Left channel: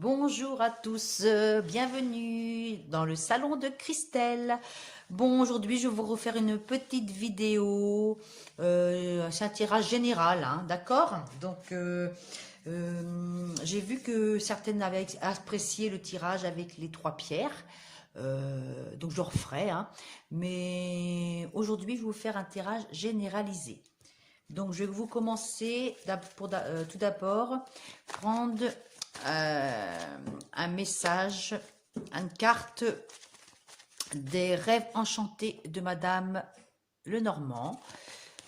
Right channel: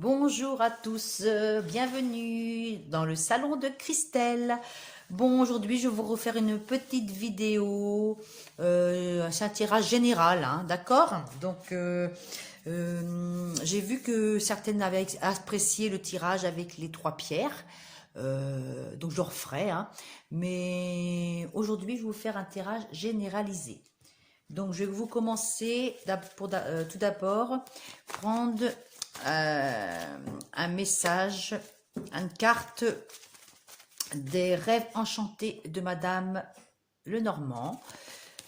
Bonjour à tous, bienvenue dans le salon de Christelle. Bon, aujourd'hui je vais vous refaire une petite vidéo, c'est un tirage général, hein, d'accord? Donc, j'ai vu que certaines avaient apprécié le tirage avec les trois pierres, donc je le referai, hein, mais aujourd'hui je vais vous faire un tirage généralisé. Donc, je vais vous commencer tout d'abord prendre un message, une carte des rêves enchantés de Madame Lenormand.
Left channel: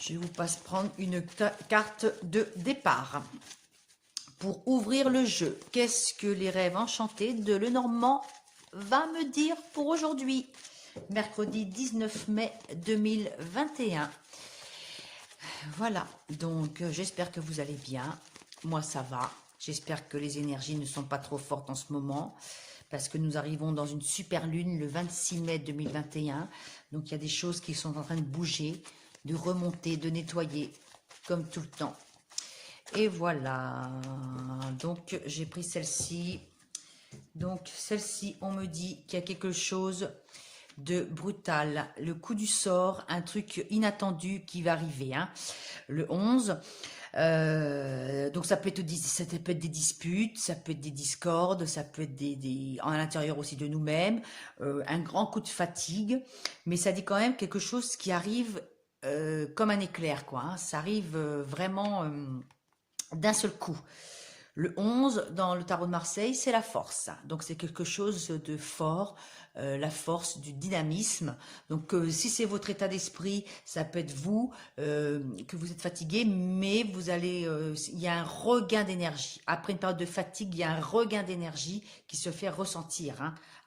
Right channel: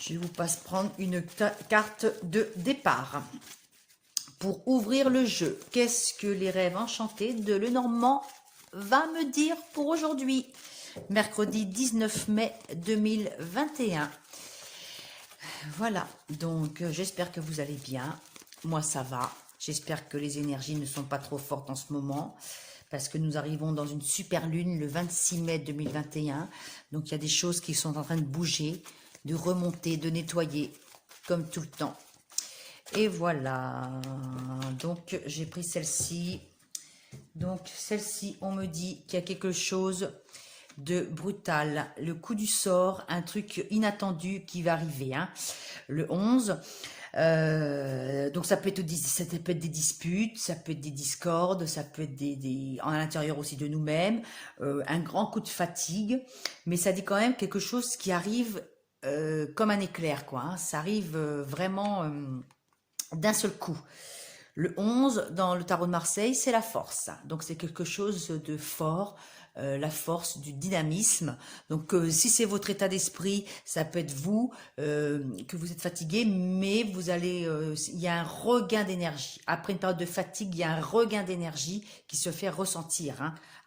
Je vous passe prendre une carte de départ pour ouvrir le jeu. Qu'est-ce que les rêves enchantés de Lenormand va me dire pour aujourd'hui, mercredi 19 mai 2021. Voilà, donc j'espère que vous allez bien. Moi, ça va. J'espère que les énergies ne sont pas trop fortes en ce moment parce que nous arrivons dans une super lune le 26 mai 2021. Donc, il y a des choses qui sont en train de bouger, de remonter, de nettoyer, comme tout le temps. Et voilà. Donc, j'ai pris celle-ci. Donc, celle-ci, on me dit qu'il y a quelque chose de brutal, le coup du sort, un truc inattendu qui va arriver, hein. Le 11, donc ça peut être des disputes, ça peut être des discordes, ça peut être à l'intérieur aussi de nous-mêmes, un grand coup de fatigue, mais ça dit quand même quelque chose qui arrive comme un éclair, quoi, hein. Ça arrive vraiment d'un seul coup. Le 11, dans le tarot de Marseille, c'est la force. Donc, c'est quelque chose de fort, la force du dynamisme. Donc, si c'est votre état d'esprit, ça peut être vous, que vous êtes fatigué, mais vous allez, il y a un regain d'énergie. Après une période de fatigue, il y a un regain d'énergie qui se fait ressentir,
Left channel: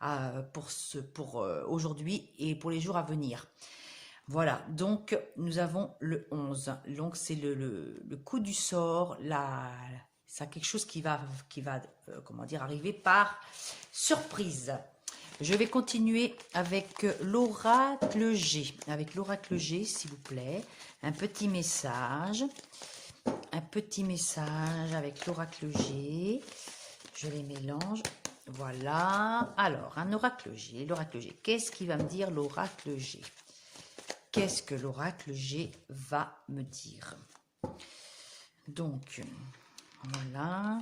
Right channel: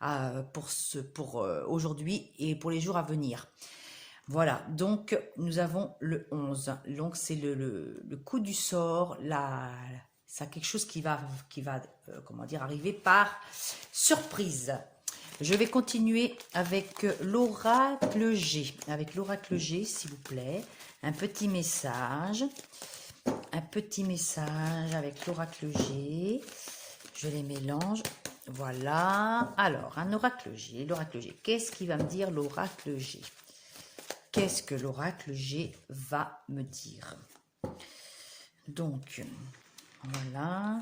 hein, pour aujourd'hui et pour les jours à venir. Voilà, donc nous avons le 11. Donc, c'est le coup du sort, c'est quelque chose qui va comment dire, arriver par surprise. Je vais continuer avec l'oracle G. Avec l'oracle G, s'il vous plaît. Un petit message. Un petit message avec l'oracle G. Je les mélange. Voilà. Alors, un oracle G. L'oracle G. Qu'est-ce qui va me dire l'oracle G? Qu'est-ce que l'oracle G va me dire? Donc, voilà.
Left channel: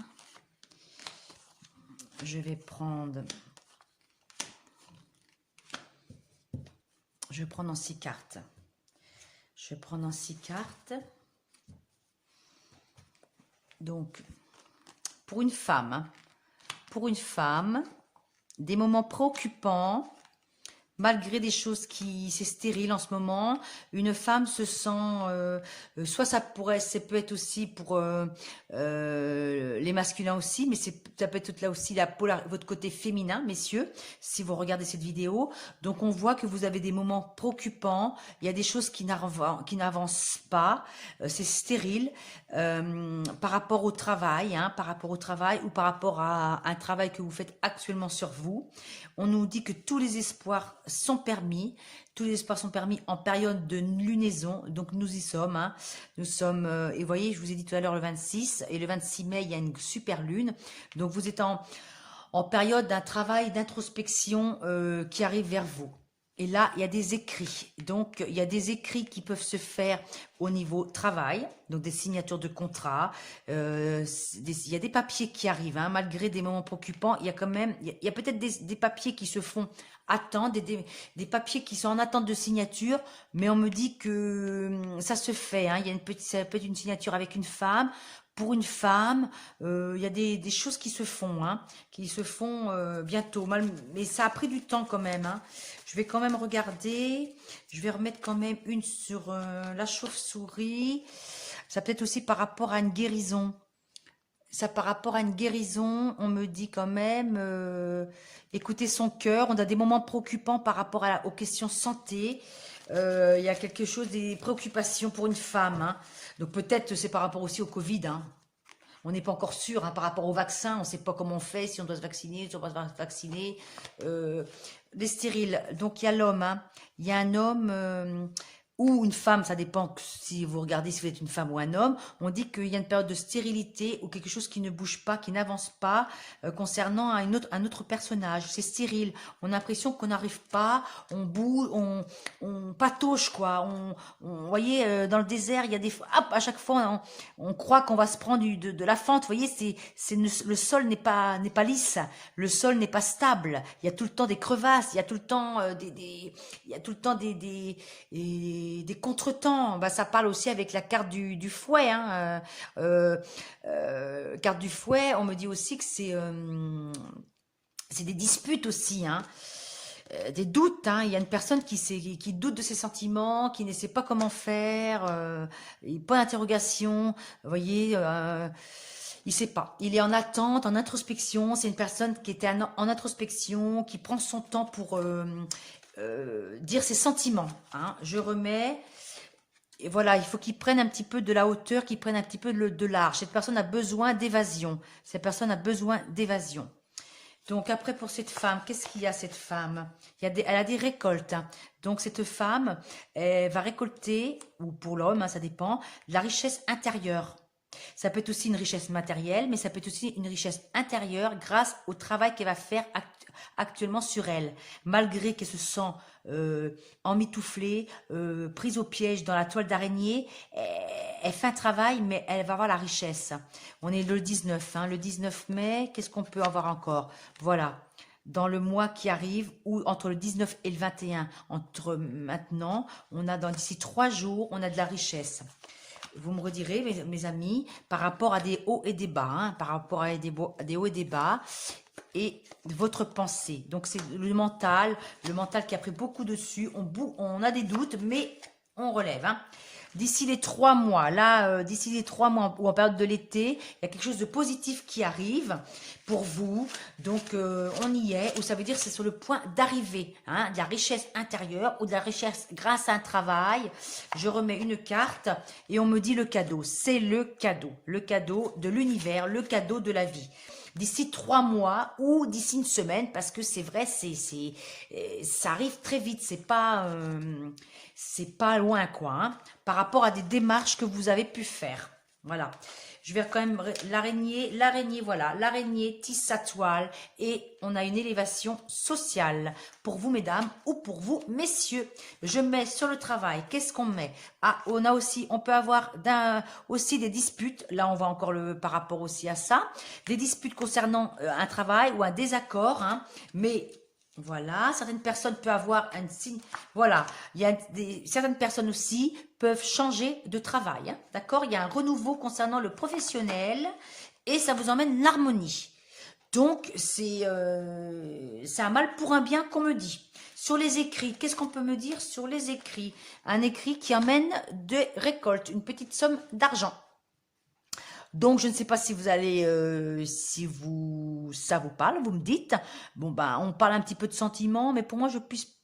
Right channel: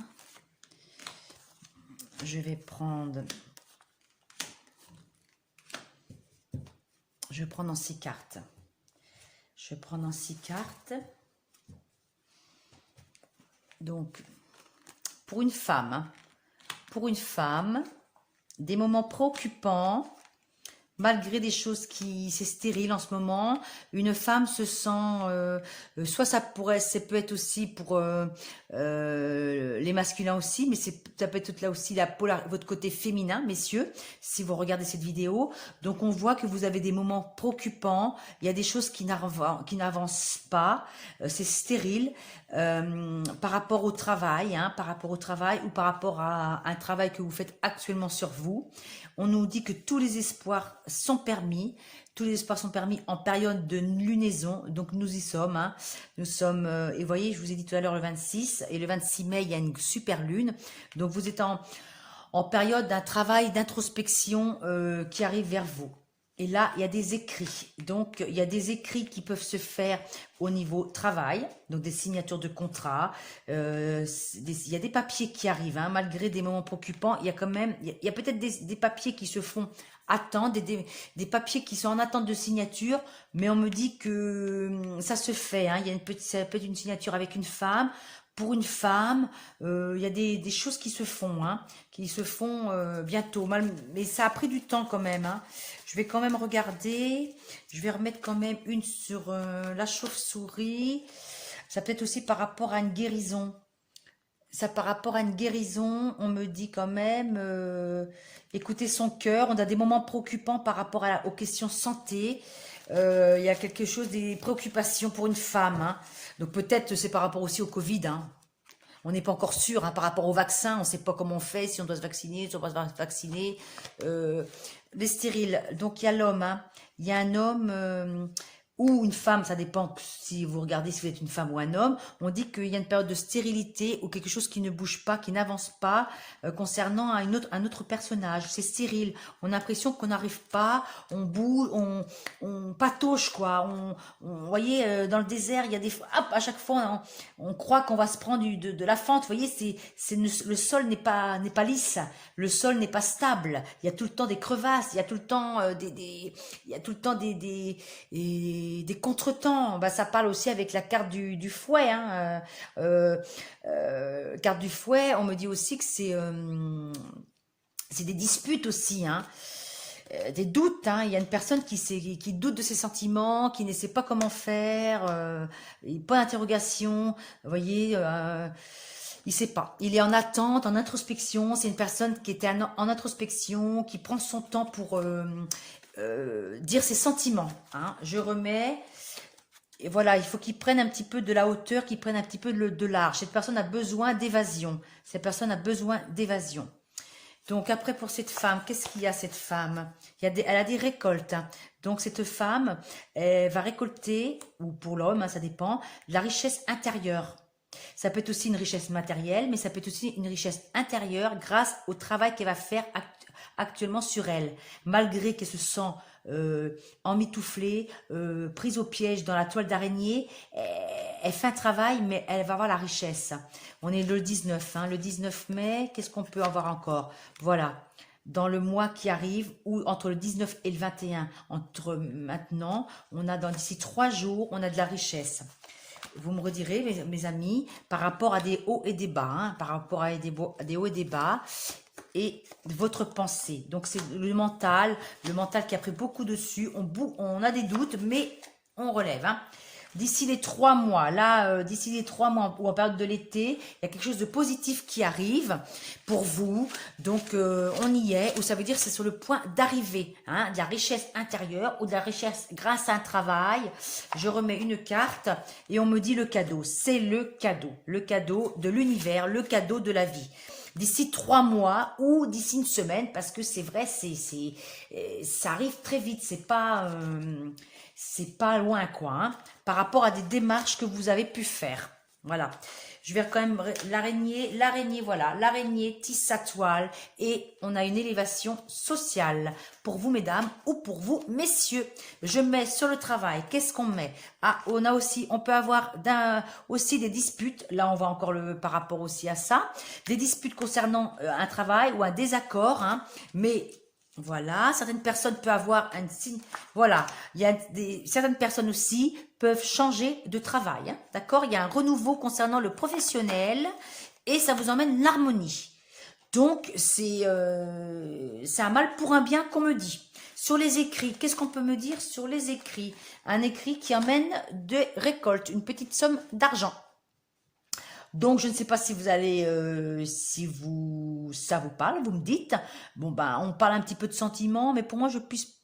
Je vais prendre en 6 cartes. Je vais prendre en 6 cartes. Donc, pour une femme, des moments préoccupants, malgré des choses c'est stérile en ce moment, une femme se sent, soit ça peut être aussi pour les masculins aussi, mais ça peut être là aussi votre côté féminin, messieurs, si vous regardez cette vidéo. Donc on voit que vous avez des moments préoccupants, il y a des choses qui n'avancent pas, c'est stérile par rapport au travail, hein, ou par rapport à un travail que vous faites actuellement sur vous. On nous dit que tous les espoirs sont permis. Tous les espoirs sont permis en période de lunaison. Donc, nous y sommes. Hein. Nous sommes, et vous voyez, je vous ai dit tout à l'heure le 26. Et le 26 mai, il y a une super lune. Donc, vous êtes en période d'un travail d'introspection qui arrive vers vous. Et là, il y a des écrits. Donc, il y a des écrits qui peuvent se faire au niveau travail, donc des signatures de contrats. Il y a des papiers qui arrivent, hein, malgré des moments préoccupants. Il y a quand même, il y a peut-être des papiers qui se font attendre, des papiers qui sont en attente de signature, mais on me dit que ça se fait. Hein, il y a ça peut être une signature avec une femme. Pour une femme, il y a des choses qui se font, hein, bientôt. Mais ça a pris du temps quand même. Hein. Je vais quand même regarder. Je vais remettre quand même une sur la chauve-souris. Ça peut être aussi par rapport à une guérison. Ça, par rapport à une guérison, on me dit quand même, écoutez son cœur. On a des moments préoccupants par rapport aux questions santé. Il y a quelque chose, des préoccupations pour une femme. Hein. Donc peut-être c'est par rapport aussi au Covid. Hein. On n'est pas encore sûr, hein, par rapport au vaccin. On ne sait pas comment on fait, si on doit se vacciner, si on doit se vacciner. Les stériles. Donc il y a l'homme. Hein. Il y a un homme ou une femme, ça dépend si vous regardez si vous êtes une femme ou un homme, on dit qu'il y a une période de stérilité ou quelque chose qui ne bouge pas, qui n'avance pas concernant un autre personnage. C'est stérile. On a l'impression qu'on n'arrive pas, on bouge, on patauge quoi. Vous voyez, dans le désert, il y a des... Hop, à chaque fois, on croit qu'on va se prendre de la fente. Vous voyez, le sol n'est pas lisse, le sol n'est pas stable. Il y a tout le temps des crevasses, il y a tout le temps des contretemps. Bah, ça parle aussi avec la carte du fouet. Hein. Carte du fouet, on me dit aussi que c'est des disputes aussi. Hein. Des doutes. Hein. Il y a une personne qui doute de ses sentiments, qui ne sait pas comment faire, pas d'interrogation. Vous voyez, il ne sait pas. Il est en attente, en introspection. C'est une personne qui était en introspection, qui prend son temps pour dire ses sentiments. Hein. Je remets. Et voilà, il faut qu'ils prennent un petit peu de la hauteur, qu'ils prennent un petit peu de large. Cette personne a besoin d'évasion. Cette personne a besoin d'évasion. Donc après, pour cette femme, qu'est-ce qu'il y a cette femme? Elle a des récoltes. Hein. Donc cette femme, elle va récolter, ou pour l'homme, hein, ça dépend, la richesse intérieure. Ça peut être aussi une richesse matérielle, mais ça peut être aussi une richesse intérieure grâce au travail qu'elle va faire actuellement sur elle. Malgré qu'elle se sent emmitouflée, prise au piège dans la toile d'araignée, elle fait un travail, mais elle va avoir la richesse. On est le 19, hein, le 19 mai, qu'est-ce qu'on peut avoir encore? Voilà, dans le mois qui arrive, ou entre le 19 et le 21, entre maintenant, on a d'ici 3 jours, on a de la richesse. Vous me redirez, mes amis, par rapport à des hauts et des bas, hein, par rapport à des hauts et des bas, et votre pensée. Donc, c'est le mental qui a pris beaucoup dessus. On a des doutes, mais on relève. Hein. D'ici les 3 mois, là, d'ici les 3 mois ou en période de l'été, il y a quelque chose de positif qui arrive pour vous. Donc, on y est. Ou ça veut dire que c'est sur le point d'arriver. Hein, de la richesse intérieure ou de la richesse grâce à un travail. Je remets une carte et on me dit le cadeau. C'est le cadeau de l'univers, le cadeau de la vie. D'ici 3 mois ou d'ici une semaine, parce que c'est vrai, ça arrive très vite, c'est pas loin quoi, hein, par rapport à des démarches que vous avez pu faire. Voilà, je vais quand même l'araignée, voilà, l'araignée tisse sa toile et on a une élévation sociale pour vous mesdames ou pour vous messieurs. Je mets sur le travail, qu'est-ce qu'on met? Ah, on peut avoir aussi des disputes, là on va encore par rapport aussi à ça, des disputes concernant un travail ou un désaccord, hein, mais voilà, certaines personnes peuvent avoir un signe. Voilà, certaines personnes aussi peuvent changer de travail. Hein, d'accord? Il y a un renouveau concernant le professionnel et ça vous emmène l'harmonie. Donc, c'est un mal pour un bien qu'on me dit. Sur les écrits, qu'est-ce qu'on peut me dire sur les écrits? Un écrit qui amène des récoltes, une petite somme d'argent. Donc, je ne sais pas si vous allez, ça vous parle, vous me dites. Bon, ben, on parle un petit peu de sentiments, mais pour moi,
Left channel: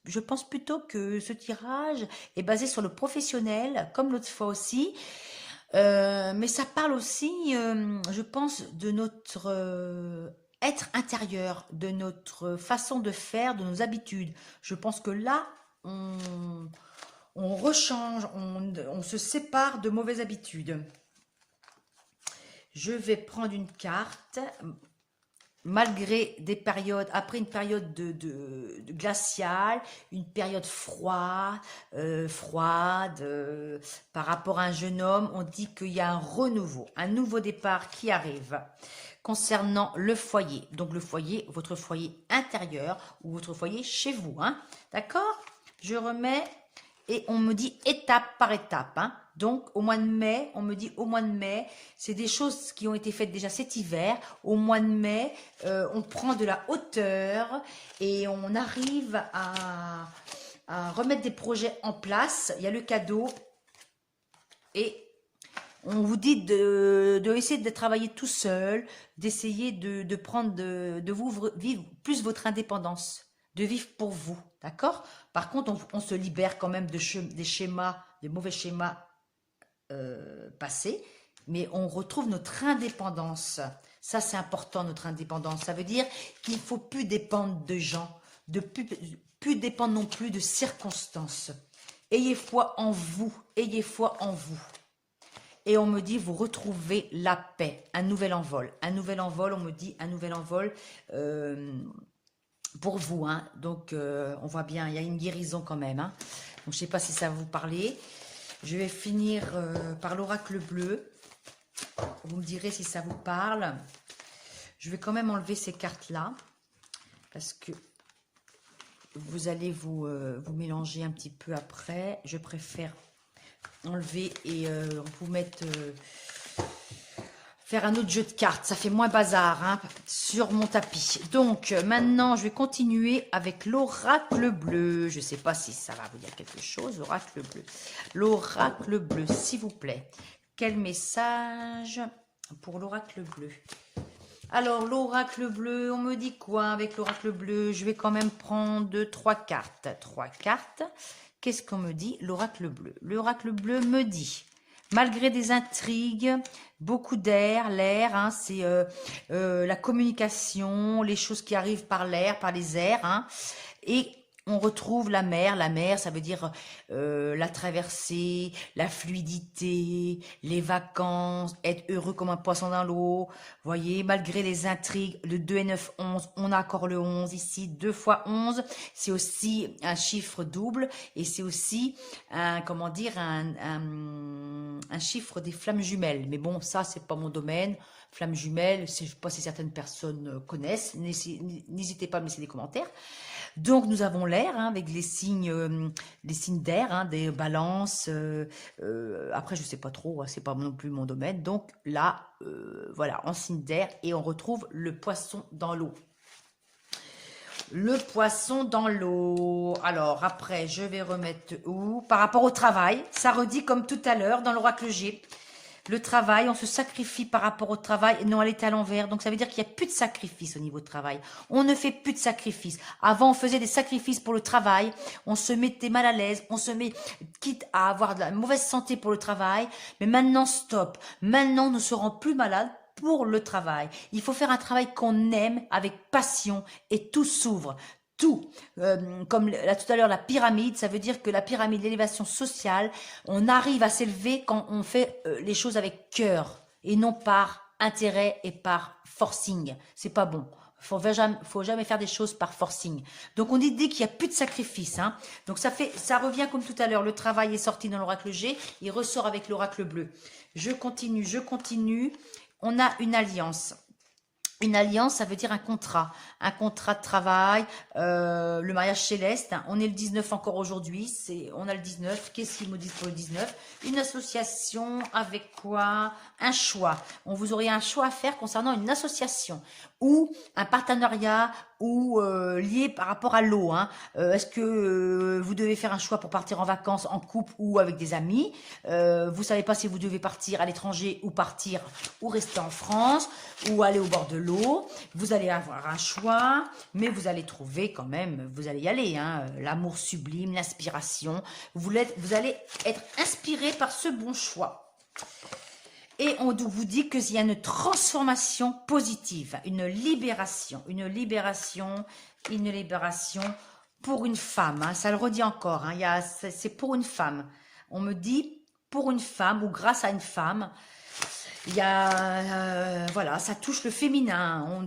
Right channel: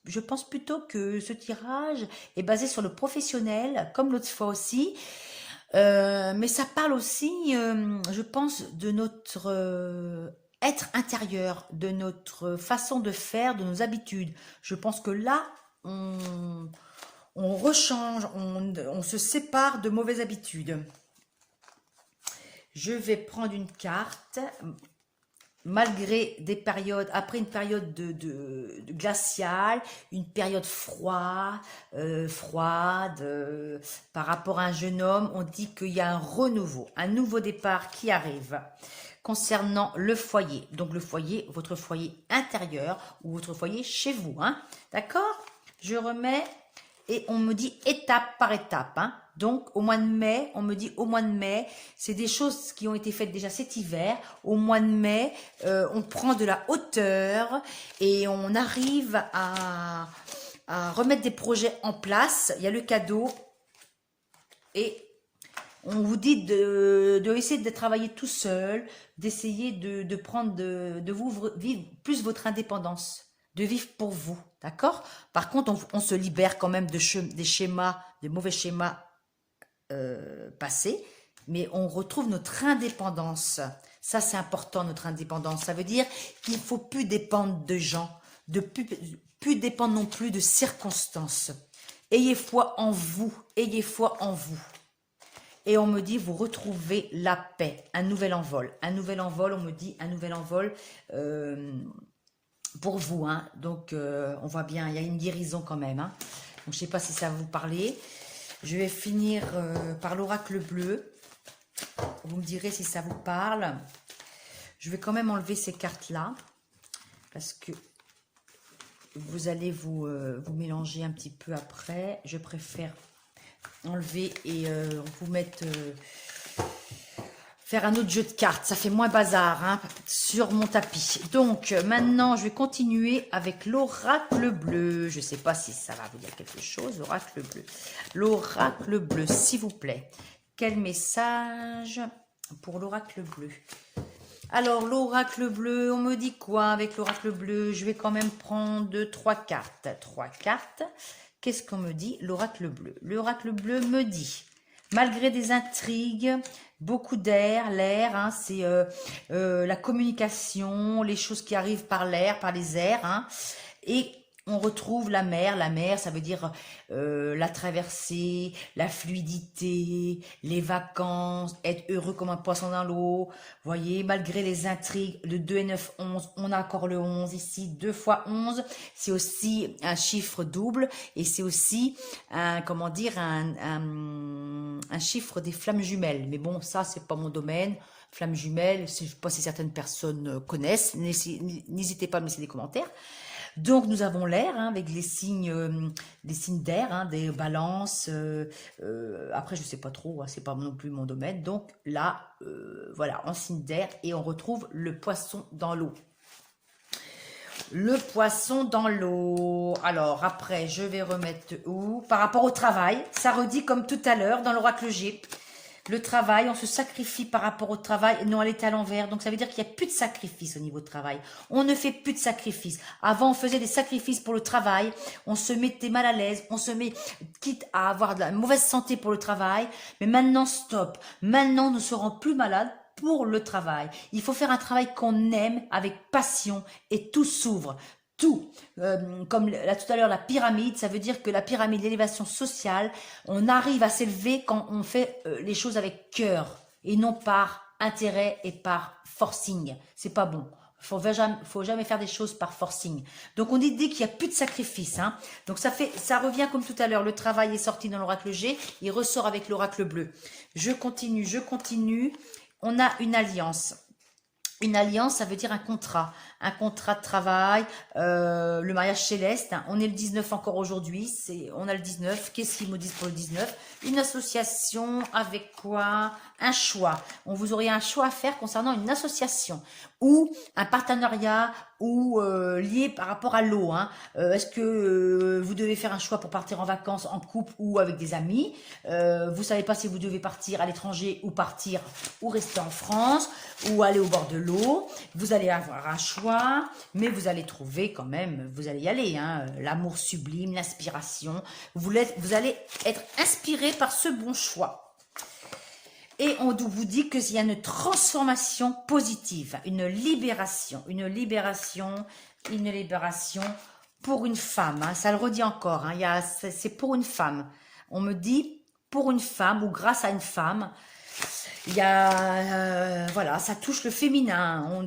je pense plutôt que ce tirage est basé sur le professionnel, comme l'autre fois aussi. Mais ça parle aussi, je pense, de notre être intérieur, de notre façon de faire, de nos habitudes. Je pense que là, on rechange, on se sépare de mauvaises habitudes. Je vais prendre une carte, malgré des périodes, après une période de glaciale, une période froide, par rapport à un jeune homme, on dit qu'il y a un renouveau, un nouveau départ qui arrive concernant le foyer. Donc le foyer, votre foyer intérieur ou votre foyer chez vous. Hein, d'accord? Je remets et on me dit étape par étape. Hein. Donc, au mois de mai, on me dit au mois de mai, c'est des choses qui ont été faites déjà cet hiver. Au mois de mai, on prend de la hauteur et on arrive à remettre des projets en place. Il y a le cadeau et on vous dit de essayer de travailler tout seul, d'essayer de prendre, de vivre plus votre indépendance, de vivre pour vous, d'accord? Par contre, on se libère quand même des schémas, des mauvais schémas passés, mais on retrouve notre indépendance. Ça, c'est important, notre indépendance. Ça veut dire qu'il ne faut plus dépendre de gens, plus dépendre non plus de circonstances. Ayez foi en vous, ayez foi en vous. Et on me dit, vous retrouvez la paix, un nouvel envol. Un nouvel envol, on me dit, un nouvel envol pour vous. Hein. Donc, on voit bien, il y a une guérison quand même. Hein. Donc, je ne sais pas si ça va vous parler. Je vais finir par l'oracle bleu. Vous me direz si ça vous parle. Je vais quand même enlever ces cartes-là. Parce que vous allez vous mélanger un petit peu après. Je préfère enlever et vous mettre... faire un autre jeu de cartes. Ça fait moins bazar hein, sur mon tapis. Donc, maintenant, je vais continuer avec l'oracle bleu. Je ne sais pas si ça va vous dire quelque chose. L'oracle bleu. L'oracle bleu, s'il vous plaît. Quel message pour l'oracle bleu? Alors, l'oracle bleu, on me dit quoi avec l'oracle bleu? Je vais quand même prendre 3 cartes. 3 cartes. Qu'est-ce qu'on me dit? L'oracle bleu. L'oracle bleu me dit, malgré des intrigues, beaucoup d'air, l'air, hein, c'est la communication, les choses qui arrivent par l'air, par les airs, hein, et on retrouve la mer. La mer, ça veut dire la traversée, la fluidité, les vacances, être heureux comme un poisson dans l'eau. Voyez, malgré les intrigues, le 2 et 9, 11, on a encore le 11 ici. 2 fois 11, c'est aussi un chiffre double et c'est aussi un, comment dire, un chiffre des flammes jumelles. Mais bon, ça, c'est pas mon domaine. Flammes jumelles, je ne sais pas si certaines personnes connaissent. N'hésitez pas à me laisser des commentaires. Donc, nous avons l'air hein, avec les signes d'air, hein, des balances. Après, je ne sais pas trop, hein, c'est pas non plus mon domaine. Donc là, voilà, en signe d'air et on retrouve le poisson dans l'eau. Le poisson dans l'eau. Alors, après, je vais remettre où? Par rapport au travail, ça redit comme tout à l'heure dans l'oracle G. Le travail, on se sacrifie par rapport au travail. Non, elle est à l'envers. Donc, ça veut dire qu'il n'y a plus de sacrifice au niveau du travail. On ne fait plus de sacrifice. Avant, on faisait des sacrifices pour le travail. On se mettait mal à l'aise. On se met, quitte à avoir de la mauvaise santé pour le travail. Mais maintenant, stop. Maintenant, nous serons plus malades pour le travail. Il faut faire un travail qu'on aime avec passion et tout s'ouvre. Tout, comme là tout à l'heure la pyramide, ça veut dire que la pyramide d'élévation sociale, on arrive à s'élever quand on fait les choses avec cœur et non par intérêt et par forcing. C'est pas bon. Faut jamais faire des choses par forcing. Donc on dit dès qu'il n'y a plus de sacrifice. Hein, donc ça revient comme tout à l'heure. Le travail est sorti dans l'oracle G, il ressort avec l'oracle bleu. Je continue. On a une alliance. Une alliance, ça veut dire un contrat de travail, le mariage céleste. Hein. On est le 19 encore aujourd'hui, on a le 19. Qu'est-ce qu'ils me disent pour le 19? Une association avec quoi? Un choix. Vous aurez un choix à faire concernant une association ou un partenariat ou lié par rapport à l'eau. Hein. Est-ce que vous devez faire un choix pour partir en vacances en couple ou avec des amis? Vous savez pas si vous devez partir à l'étranger ou partir ou rester en France ou aller au bord de l'eau. Vous allez avoir un choix, mais vous allez trouver quand même, vous allez y aller. Hein, l'amour sublime, l'inspiration. Vous allez être inspiré par ce bon choix. Et on vous dit qu'il y a une transformation positive, une libération pour une femme. Hein, ça le redit encore, hein, c'est pour une femme. On me dit pour une femme ou grâce à une femme. Il y a, voilà, ça touche le féminin. On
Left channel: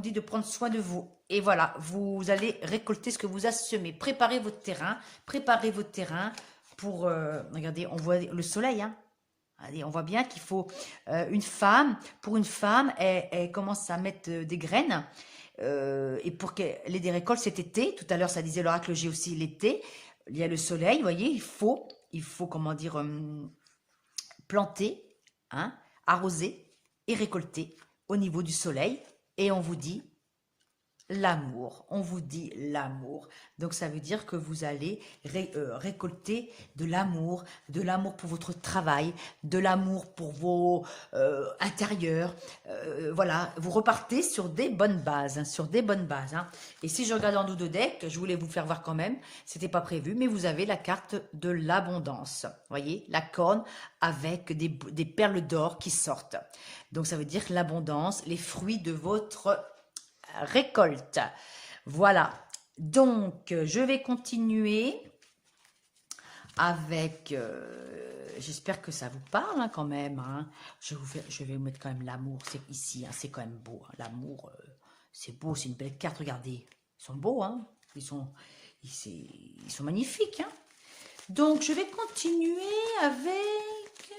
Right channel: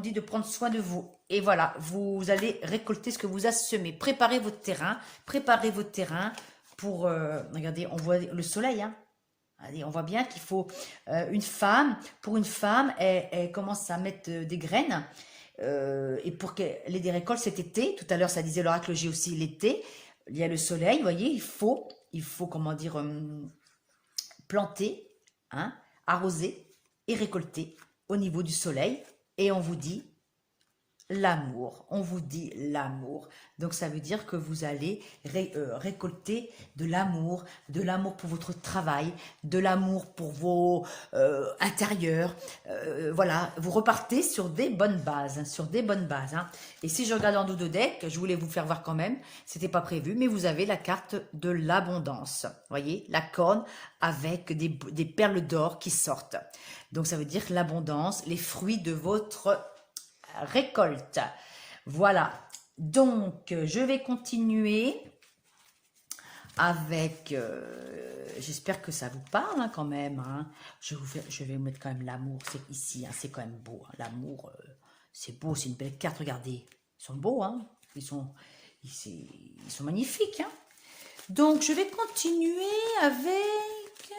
dit de prendre soin de vous. Et voilà, vous allez récolter ce que vous avez semé. Préparez votre terrain pour, regardez, on voit le soleil, hein. Allez, on voit bien qu'il faut pour une femme, elle commence à mettre des graines et pour qu'elle ait des récoltes cet été. Tout à l'heure, ça disait l'oracle G aussi l'été. Il y a le soleil, vous voyez, il faut comment dire, planter, hein, arroser et récolter au niveau du soleil. Et on vous dit l'amour, donc ça veut dire que vous allez récolter de l'amour pour votre travail, de l'amour pour vos intérieurs, voilà, vous repartez sur des bonnes bases, hein. Et si je regarde en dos de deck, je voulais vous faire voir quand même, c'était pas prévu, mais vous avez la carte de l'abondance, voyez, la corne avec des perles d'or qui sortent, donc ça veut dire l'abondance, les fruits de votre récolte. Voilà, donc je vais continuer avec... j'espère que ça vous parle hein, quand même. Hein. Je vais vous mettre quand même l'amour. C'est ici, hein, c'est quand même beau. Hein. L'amour, c'est beau, c'est une belle carte. Regardez, ils sont beaux. Hein. Ils sont magnifiques. Hein. Donc, je vais continuer avec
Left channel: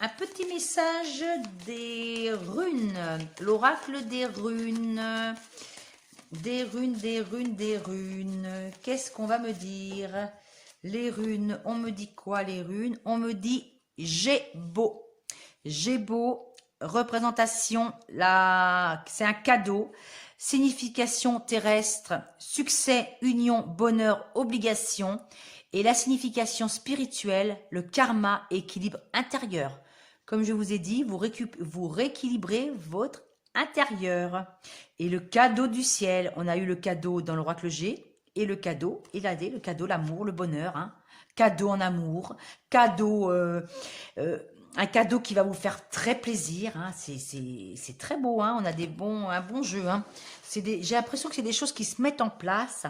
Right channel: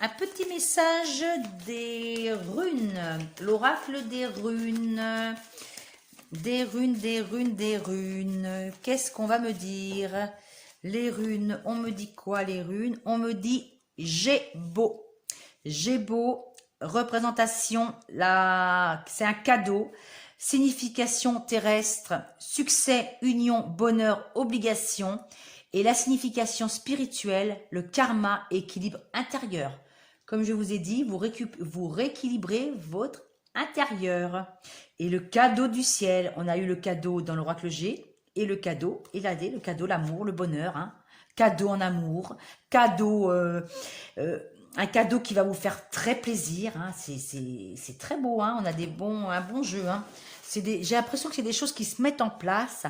un petit message des runes. L'oracle des runes. Des runes, des runes, des runes. Qu'est-ce qu'on va me dire? Les runes, on me dit quoi les runes? On me dit Gébo. Gébo, représentation, c'est un cadeau. Signification terrestre, succès, union, bonheur, obligation. Et la signification spirituelle, le karma, équilibre intérieur. Comme je vous ai dit, vous rééquilibrez votre intérieur. Et le cadeau du ciel, on a eu le cadeau dans l'oracle G, et le cadeau, et là, le cadeau, l'amour, le bonheur, hein. Cadeau en amour, cadeau, un cadeau qui va vous faire très plaisir, hein. C'est très beau, hein. On a un bon jeu, hein. J'ai l'impression que c'est des choses qui se mettent en place,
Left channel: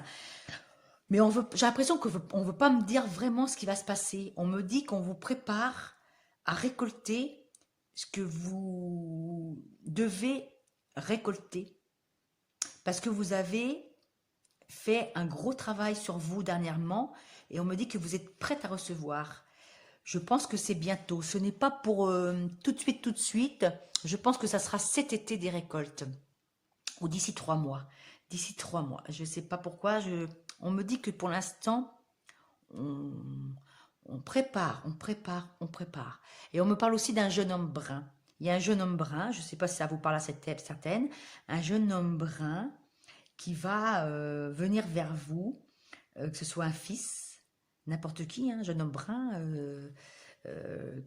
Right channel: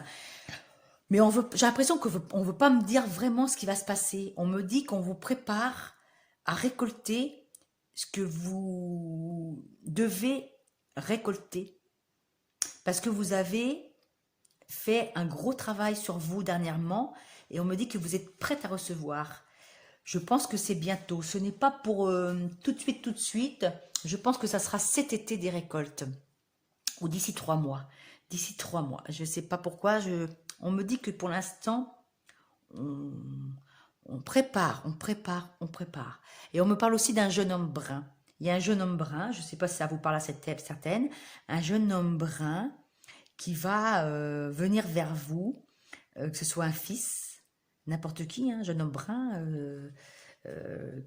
mais j'ai l'impression qu'on ne veut pas me dire vraiment ce qui va se passer. On me dit qu'on vous prépare à récolter ce que vous devez récolter, parce que vous avez fait un gros travail sur vous dernièrement et on me dit que vous êtes prête à recevoir. Je pense que c'est bientôt. Ce n'est pas pour tout de suite. Je pense que ça sera cet été des récoltes ou d'ici 3 mois. D'ici 3 mois. Je ne sais pas pourquoi. On me dit que pour l'instant, on prépare. Et on me parle aussi d'un jeune homme brun. Il y a un jeune homme brun, je ne sais pas si ça vous parle à certaine, un jeune homme brun qui va venir vers vous, que ce soit un fils, n'importe qui, un jeune homme brun,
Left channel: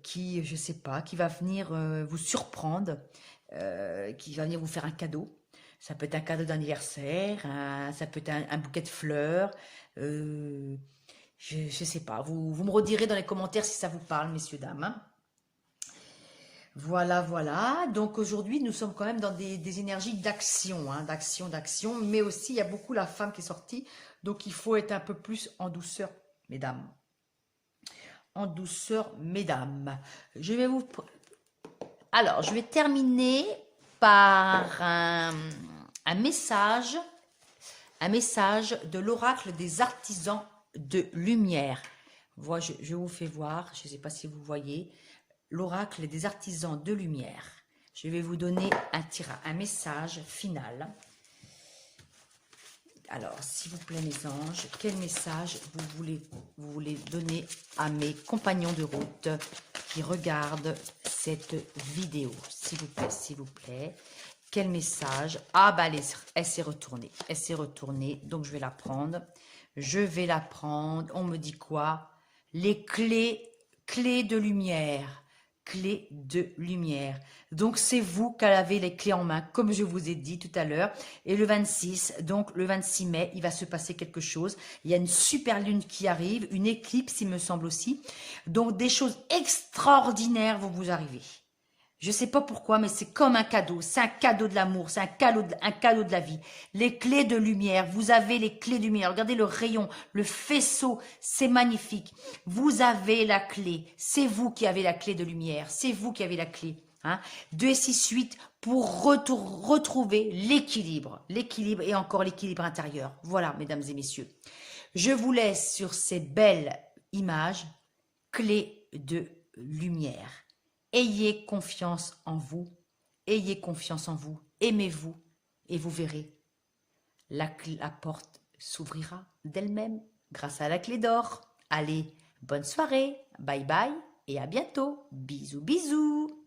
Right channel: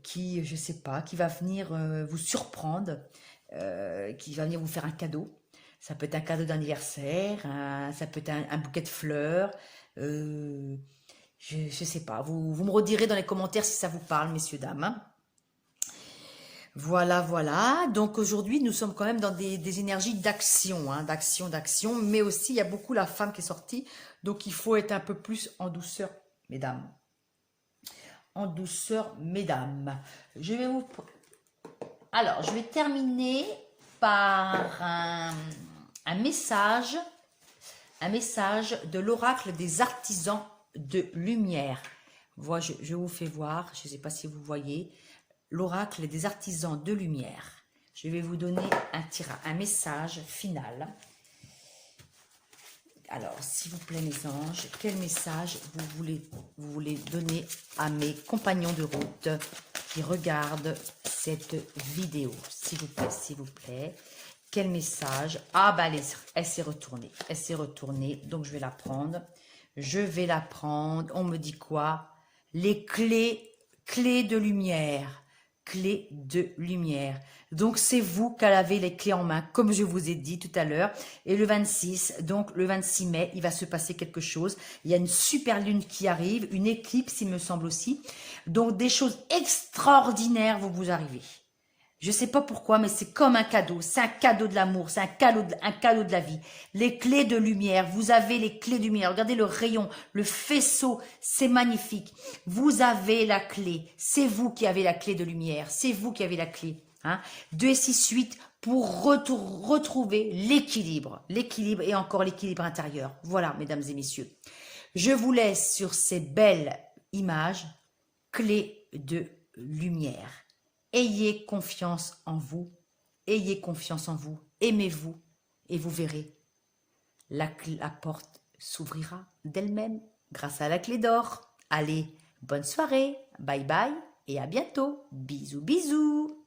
qui, je sais pas, qui va venir vous surprendre, qui va venir vous faire un cadeau. Ça peut être un cadeau d'anniversaire, ça peut être un bouquet de fleurs, je sais pas. Vous me redirez dans les commentaires si ça vous parle, messieurs, dames. Hein. Voilà, voilà. Donc aujourd'hui, nous sommes quand même dans des énergies d'action, hein, d'action. Mais aussi, il y a beaucoup la femme qui est sortie. Donc il faut être un peu plus en douceur, mesdames. En douceur, mesdames. Alors, je vais terminer par un message de l'oracle des artisans de lumière. Voilà, je vous fais voir, je ne sais pas si vous voyez, l'oracle des artisans de lumière. Je vais vous donner un message final. Alors, s'il vous plaît, mes anges, quel message vous voulez donner à mes compagnons de route qui regardent cette vidéo? S'il vous plaît. Quel message? Ah, bah, elle s'est retournée. Elle s'est retournée, donc je vais la prendre. On me dit quoi? Les clés de lumière. Clés de lumière. Donc, c'est vous qui avez les clés en main, comme je vous ai dit tout à l'heure. Et le 26, donc le 26 mai, il va se passer quelque chose. Il y a une super lune qui arrive, une éclipse, il me semble aussi. Donc, des choses extraordinaires vont vous arriver. Je ne sais pas pourquoi, mais c'est comme un cadeau. C'est un cadeau de l'amour, c'est un cadeau de la vie. Les clés de lumière, vous avez les clés de lumière. Regardez le rayon, le faisceau, c'est magnifique. Vous avez la clé. C'est vous qui avez la clé de lumière. C'est vous qui avez la clé. Hein. 2 et 6, 8 pour retrouver l'équilibre. L'équilibre et encore l'équilibre intérieur. Voilà, mesdames et messieurs. Je vous laisse sur ces belles images, clés de lumière. Ayez confiance en vous, aimez-vous et vous verrez, la porte s'ouvrira d'elle-même grâce à la clé d'or. Allez, bonne soirée, bye bye et à bientôt, bisous bisous.